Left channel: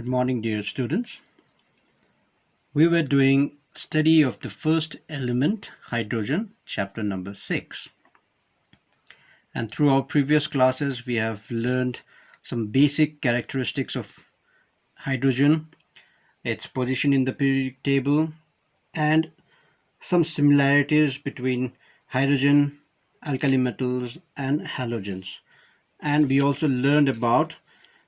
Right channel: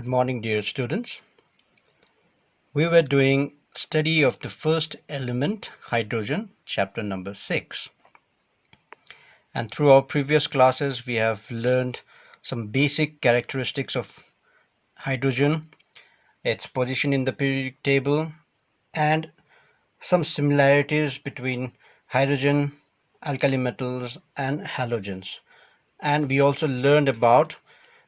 Good morning, dear students. We were doing study of the first element, hydrogen, chapter number 6. And through our previous classes, we have learned some basic characteristics of hydrogen, its position in the periodic table, and some similarities between hydrogen, alkali metals, and halogens. And we also learned about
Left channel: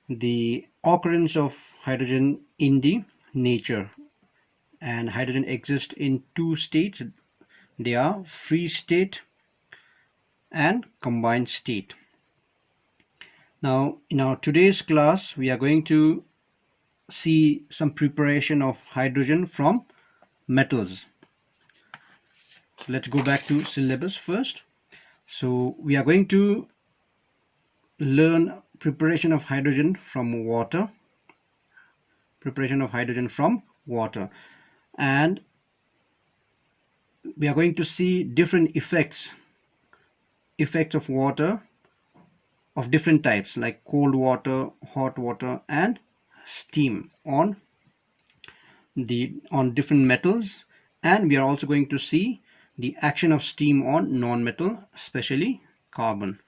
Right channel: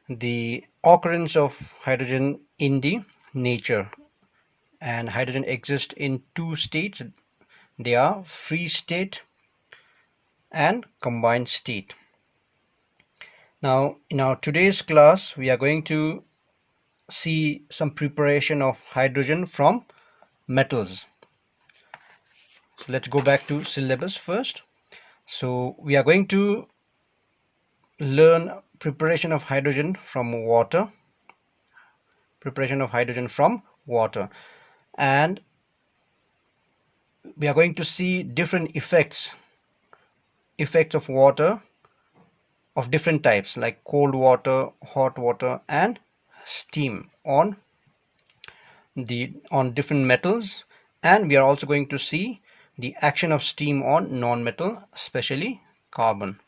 the occurrence of hydrogen in the nature. And hydrogen exists in two states. They are free state and combined state. Now in our today's class we are going to see some preparation of hydrogen from metals. So let's go back to syllabus first. So we are going to learn preparation of hydrogen from water. And we are going to see different effects of water of different types, like cold water, hot water, and steam on different metals. And we are also going to see the action of steam on non-metal, especially carbon.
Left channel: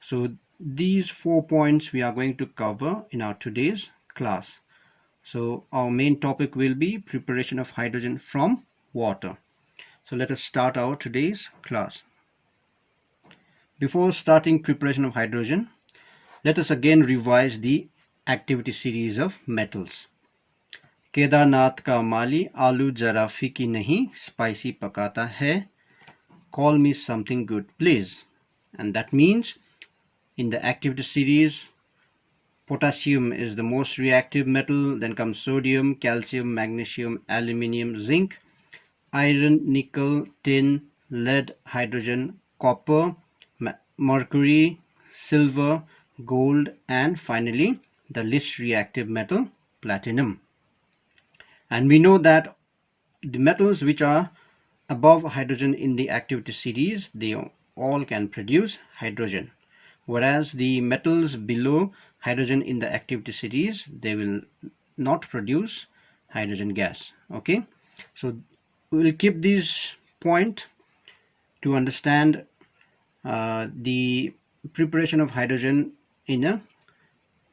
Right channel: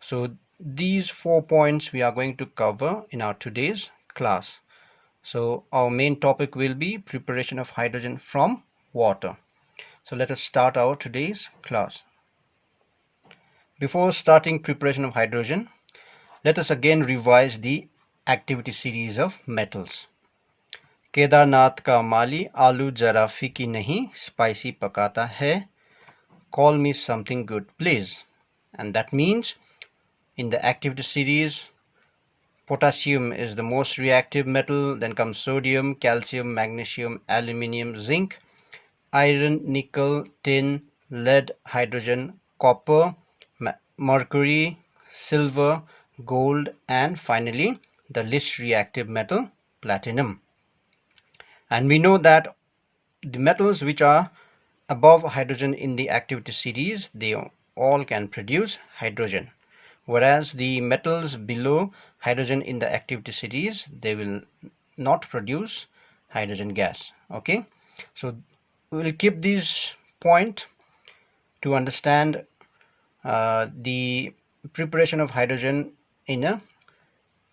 So these 4 points we are going to cover in our today's class. So our main topic will be preparation of hydrogen from water. So let us start our today's class. Before starting preparation of hydrogen, let us again revise the activity series of metals. Kedarnath का माली आलू जरा फीकी नहीं spicy पकाता है. Call me something good, please. And that means in the activity series, potassium is the most reactive metal. Then comes sodium, calcium, magnesium, aluminium, zinc, iron, nickel, tin, lead, hydrogen, copper, mercury, silver, gold, and finally the least reactive metal, platinum. And we know that the metals which are above hydrogen in the activity series, they all can produce hydrogen, whereas the metals below hydrogen in the activity series, they will not produce hydrogen gas. Okay, so we will keep this point to understand the preparation of hydrogen in a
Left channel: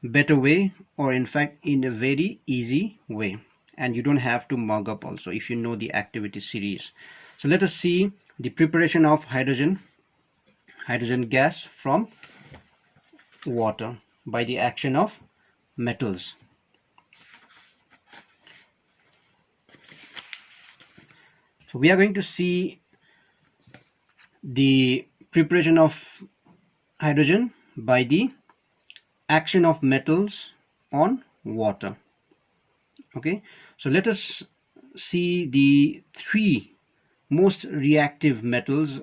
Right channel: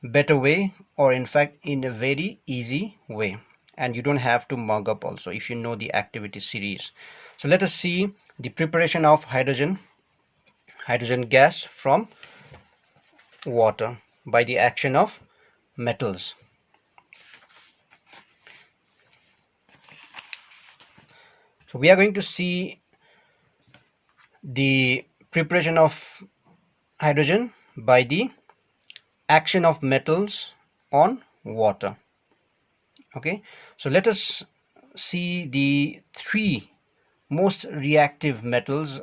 better way, or in fact in a very easy way, and you don't have to mug up also if you know the activity series. So let us see the preparation of hydrogen gas from water by the action of metals. So we are going to see the preparation of hydrogen by the action of metals on water. Okay, so let us see the three most reactive metals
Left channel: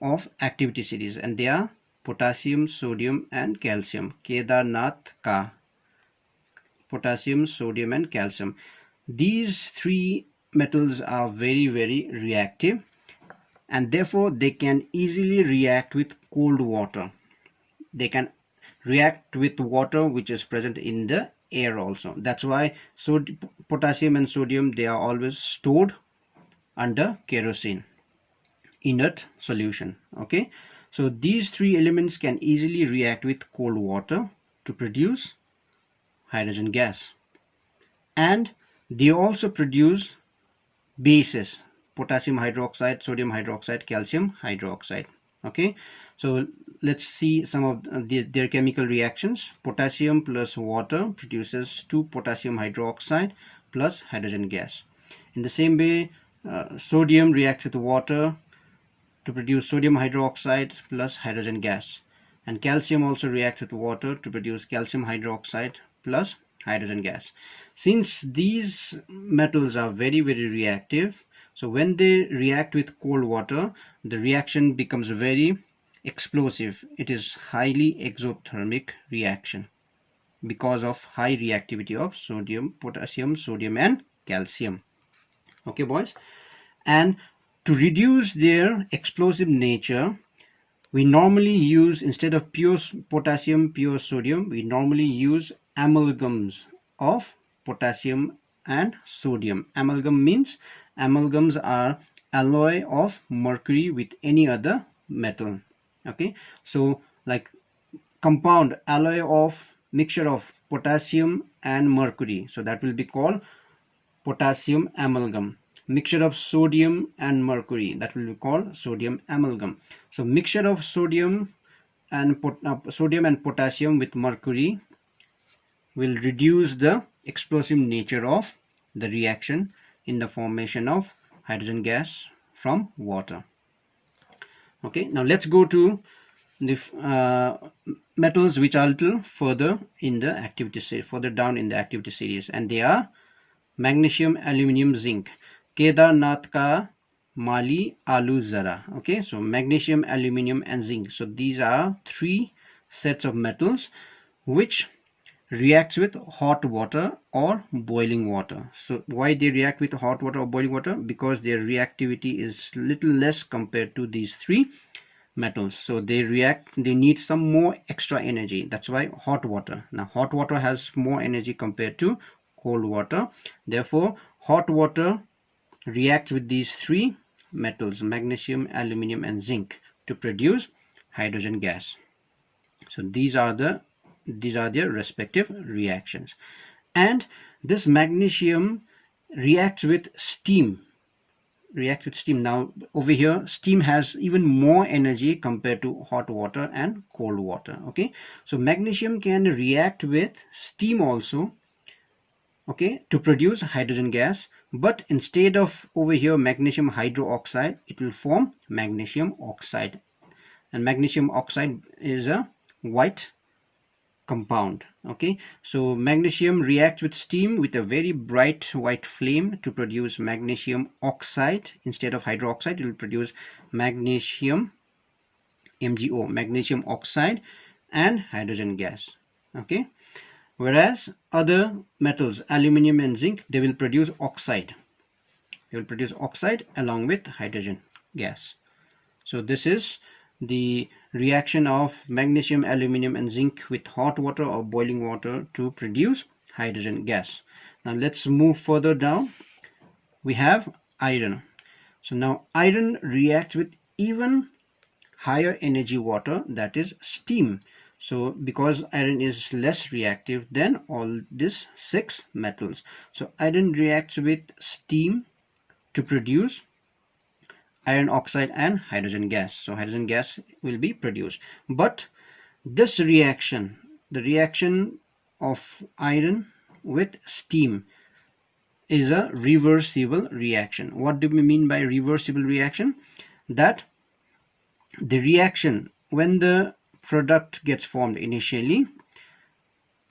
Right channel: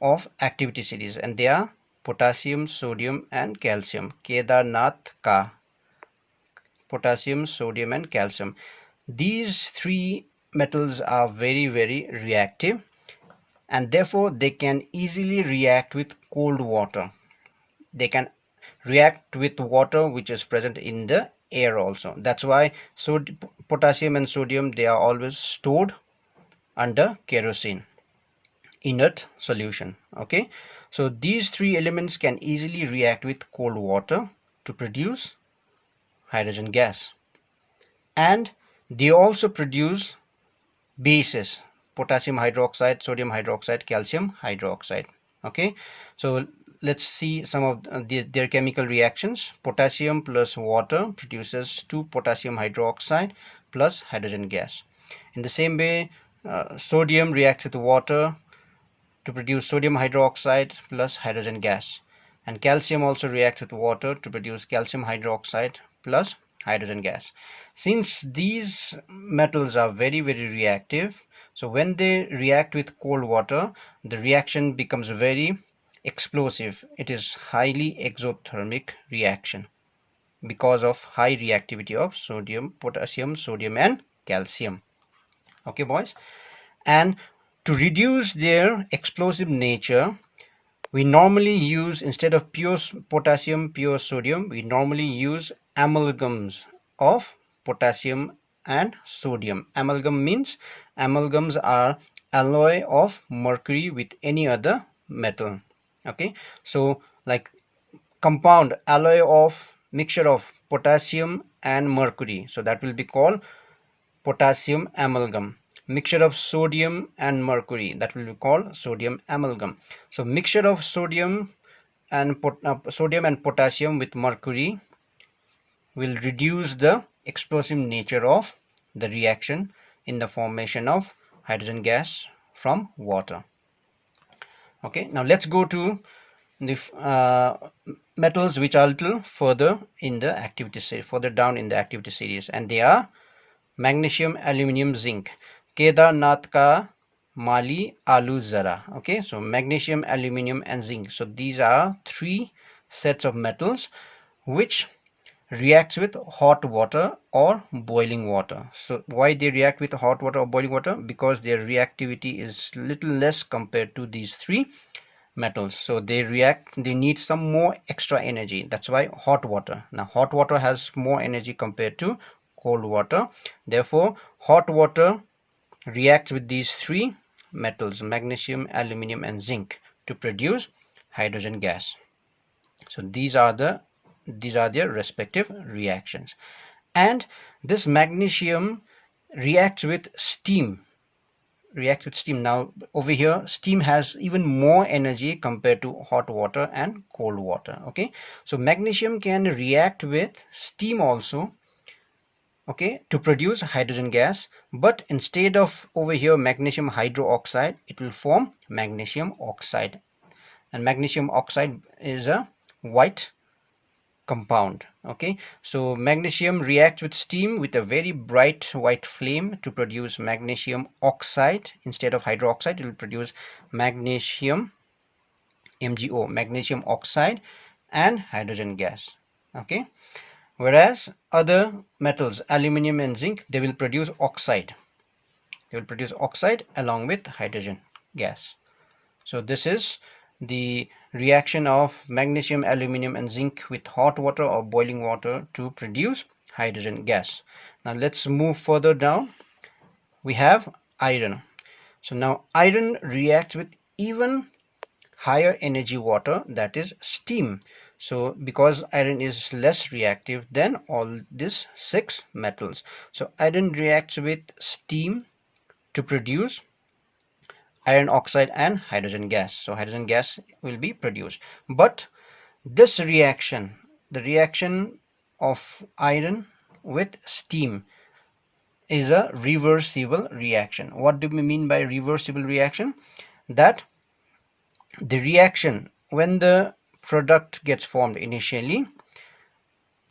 of activity series, and they are potassium, sodium, and calcium. Kedarnath ka, potassium, sodium, and calcium. These three metals are very, very reactive, and therefore they can easily react with cold water. They can react with water which is present in the air also. That's why potassium and sodium, they are always stored under kerosene, inert solution. Okay, so these three elements can easily react with cold water to produce hydrogen gas, and they also produce bases: potassium hydroxide, sodium hydroxide, calcium hydroxide. Okay, so let's see some of their chemical reactions. Potassium plus water produces 2 potassium hydroxide plus hydrogen gas. In the same way, sodium reacts with water to produce sodium hydroxide plus hydrogen gas, and calcium also reacts with water to produce calcium hydroxide plus hydrogen gas. Since these metals are very, very reactive, so when they react with cold water, the reaction becomes very explosive. It is highly exothermic reaction because of high reactivity of potassium, sodium, and calcium. Okay, boys, and to reduce their explosive nature, we normally use, instead of pure potassium, pure sodium, we normally use amalgams of potassium and sodium. Amalgam means amalgams are alloy of mercury with any other metal. Okay, so like compound alloy of mixture of potassium and mercury, so that will be called potassium amalgam. Mixture of sodium and mercury, that will be called sodium amalgam. So mixture of sodium and potassium with mercury will reduce the explosive nature of the reaction in the formation of hydrogen gas from water. Okay, now let's go to the metals which are a little further in the activity series, further down in the activity series, and they are magnesium, aluminium, zinc. Kedarnath ka mali alu zara. Okay, so magnesium, aluminium, and zinc. So these are three sets of metals which reacts with hot water or boiling water. So why they react with hot water or boiling water? Because their reactivity is little less compared to these three metals, so they need some more extra energy. That's why hot water. Now hot water has more energy compared to cold water, therefore hot water reacts with these three metals, magnesium, aluminium, and zinc, to produce hydrogen gas. So these are their respective reactions. And this magnesium reacts with steam. Now over here, steam has even more energy compared to hot water and cold water. Okay, so magnesium can react with steam also, okay, to produce hydrogen gas, but instead of over here magnesium hydroxide, it will form magnesium oxide, and magnesium oxide is a white compound. Okay, so magnesium reacts with steam with a very bright white flame to produce magnesium oxide. Instead of hydroxide, it will produce magnesium MgO, magnesium oxide, and hydrogen gas. Okay, whereas other metals, aluminium and zinc, they will produce oxide. They will produce oxide along with hydrogen gas. So this is the reaction of magnesium, aluminium, and zinc with hot water or boiling water to produce hydrogen gas. Now let's move further down. We have iron. So now iron reacts with even higher energy water, that is steam. So because iron is less reactive than all these six metals, so iron reacts with steam to produce iron oxide and hydrogen gas. So hydrogen gas will be produced. But this reaction, the reaction of iron with steam, is a reversible reaction. What do we mean by reversible reaction? That the reaction, when the product gets formed initially,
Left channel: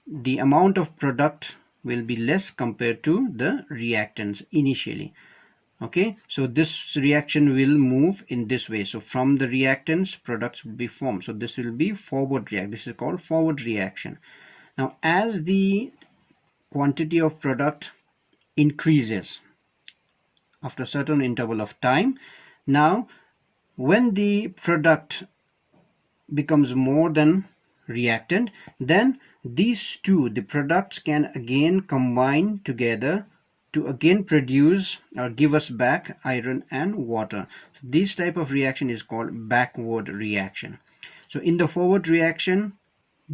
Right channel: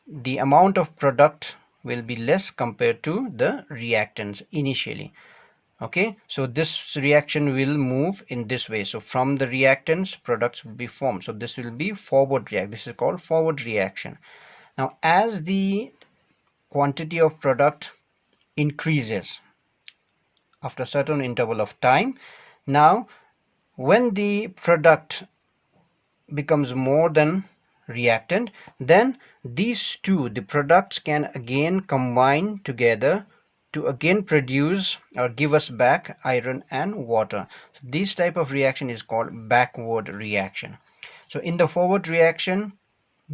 the amount of product will be less compared to the reactants initially. Okay, so this reaction will move in this way. So from the reactants, products will be formed. So this will be forward react. This is called forward reaction. Now as the quantity of product increases after a certain interval of time, now when the product becomes more than reactant, then these two, the products, can again combine together to again produce or give us back iron and water. So this type of reaction is called backward reaction. So in the forward reaction,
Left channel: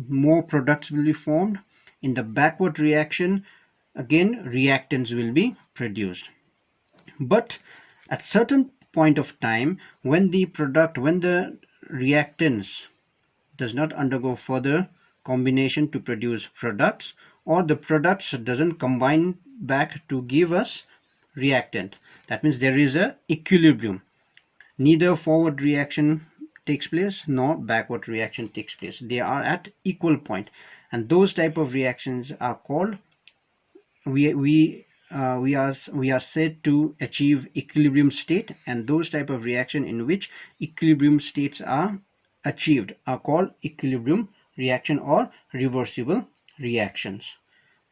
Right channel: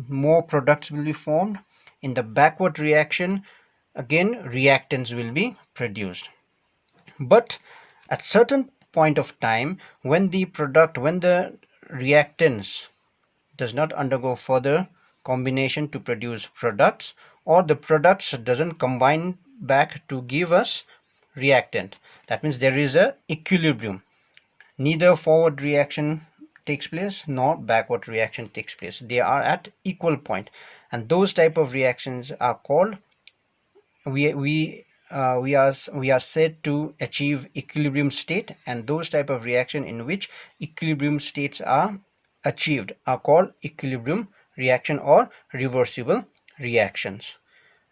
more products will be formed. In the backward reaction, again reactants will be produced. But at certain point of time, when the reactants does not undergo further combination to produce products, or the products doesn't combine back to give us reactant, that means there is a equilibrium. Neither forward reaction takes place nor backward reaction takes place. They are at equal point, and those type of reactions are called, we are said to achieve equilibrium state, and those type of reaction in which equilibrium states are achieved are called equilibrium reaction or reversible reactions.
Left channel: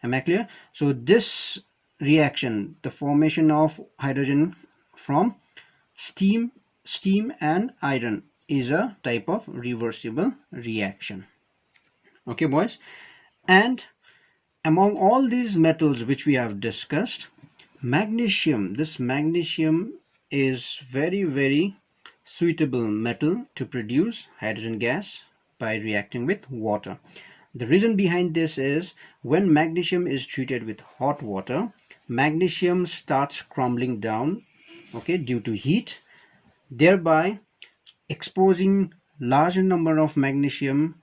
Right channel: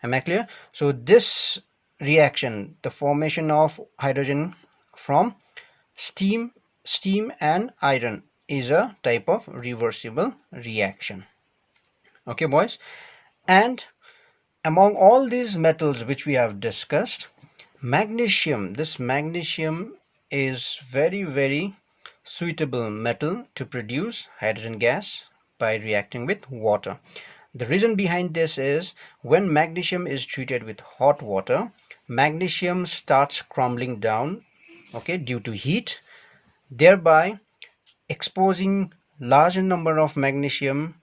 Am I clear? So this reaction, the formation of hydrogen from steam and iron, is a type of reversible reaction. Okay boys, and Among all these metals which we have discussed, this magnesium is very suitable metal to produce hydrogen gas by reacting with water. The reason behind this is when magnesium is treated with hot water, magnesium starts crumbling down, okay, due to heat, thereby exposing larger number of magnesium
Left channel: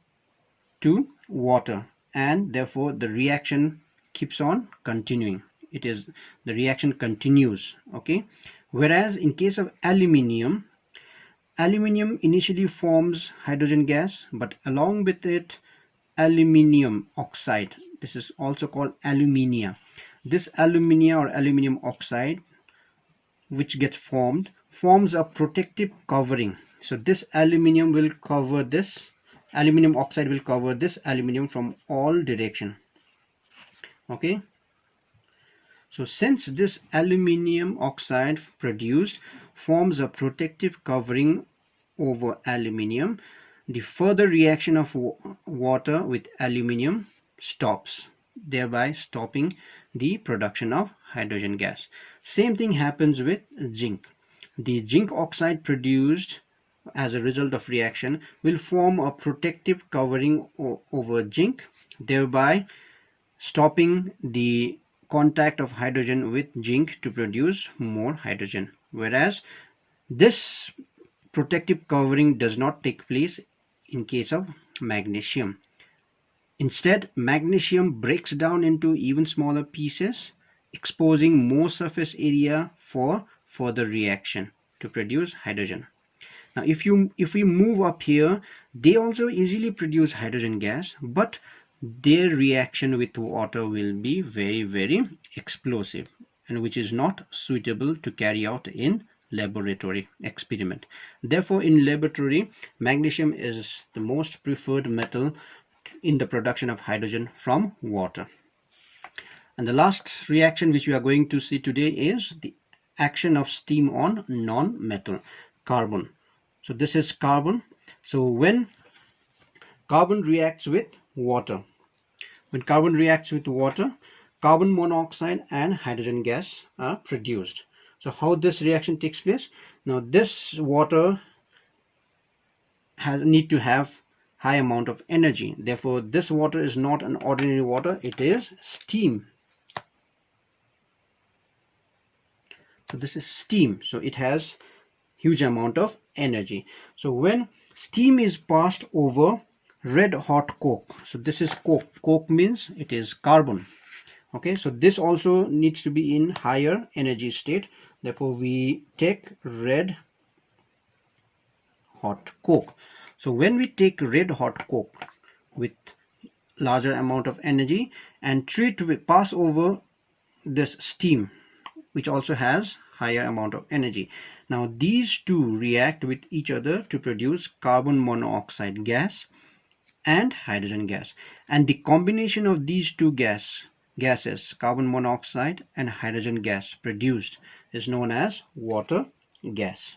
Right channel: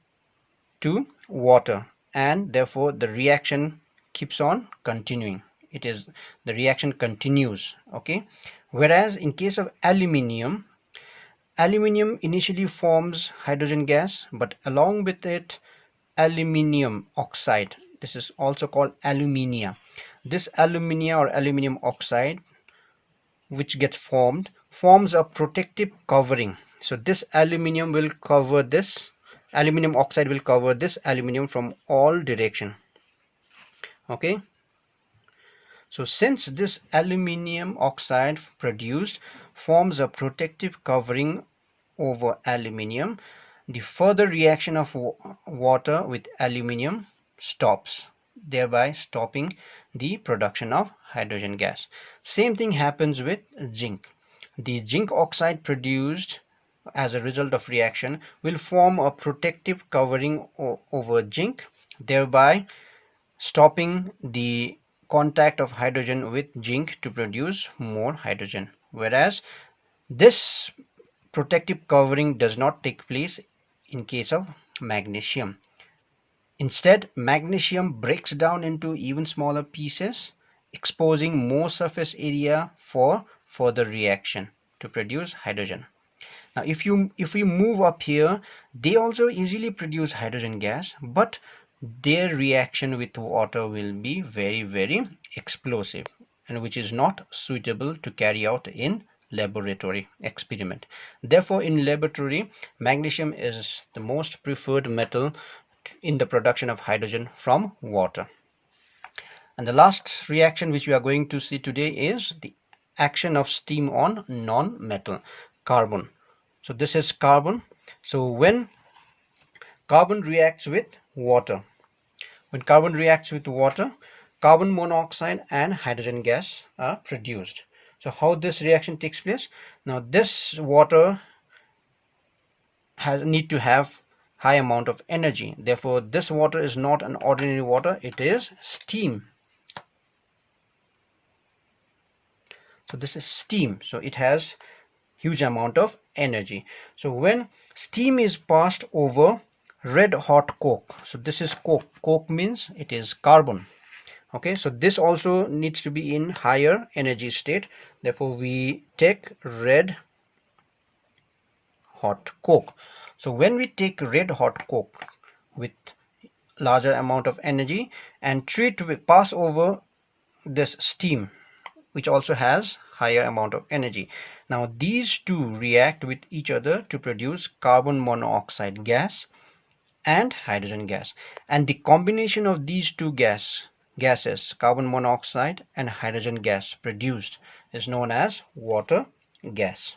to water, and therefore the reaction keeps on continuing. The reaction continues, okay. Whereas in case of aluminium, initially forms hydrogen gas, but along with it aluminium oxide, this is also called alumina. This alumina or aluminium oxide which gets forms a protective covering. So this aluminium oxide will cover this aluminium from all direction, okay. So since this aluminium oxide produced forms a protective covering over aluminium, the further reaction of water with aluminium stops, thereby stopping the production of hydrogen gas. Same thing happens with zinc. The zinc oxide produced as a result of reaction will form a protective covering over zinc, thereby stopping the contact of hydrogen with zinc to produce more hydrogen. Whereas this protective covering does not take place in case of magnesium. Instead, magnesium breaks down into even smaller pieces, exposing more surface area for further reaction to produce hydrogen. Now if we move up here, they also easily produce hydrogen gas, but their reaction with water will be very explosive, and which is not suitable to carry out in laboratory experiment. Therefore, in laboratory, magnesium is the most preferred metal in the production of hydrogen from water. And the last reaction which we are going to see today is the action of steam on non-metal, carbon. So this is carbon. So when carbon reacts with water, carbon monoxide and hydrogen gas are produced. So how this reaction takes place? Now this water need to have high amount of energy. Therefore, this water is not an ordinary water, it is steam. So this is steam. So it has huge amount of energy. So when steam is passed over red hot coke, so this is coke means it is carbon, okay. So this also needs to be in higher energy state, therefore we take red hot coke. So when we take red hot coke with larger amount of energy and pass over this steam which also has higher amount of energy, now these two react with each other to produce carbon monoxide gas and hydrogen gas, and the combination of these two gases, carbon monoxide and hydrogen gas produced, is known as water gas.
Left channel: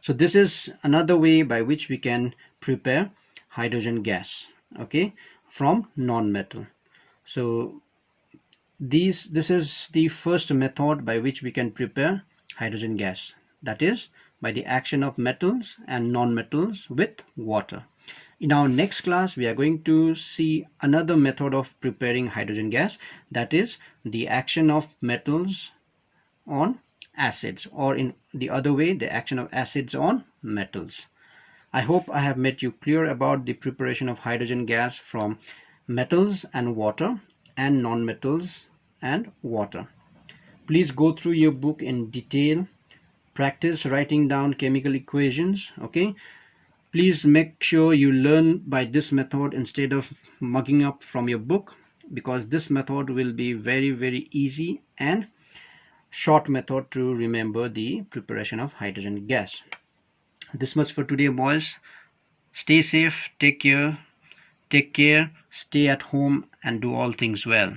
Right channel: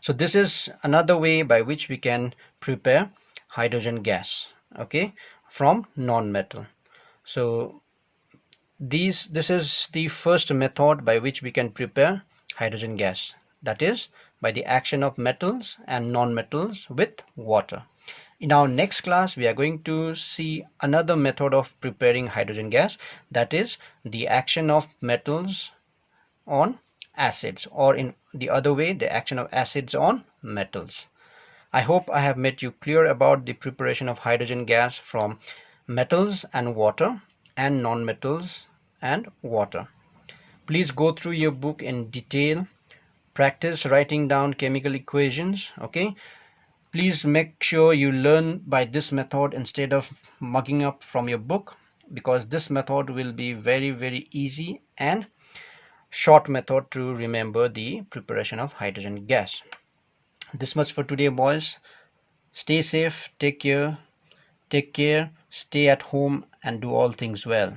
So this is another way by which we can prepare hydrogen gas, okay, from non-metal. So this is the first method by which we can prepare hydrogen gas, that is by the action of metals and non-metals with water. In our next class, we are going to see another method of preparing hydrogen gas, that is the action of metals on acids, or in the other way, the action of acids on metals. I hope I have made you clear about the preparation of hydrogen gas from metals and water and non-metals and water. Please go through your book in detail, practice writing down chemical equations, okay. Please make sure you learn by this method instead of mugging up from your book, because this method will be very easy and short method to remember the preparation of hydrogen gas. This much for today, boys. Stay safe, take care, stay at home, and do all things well.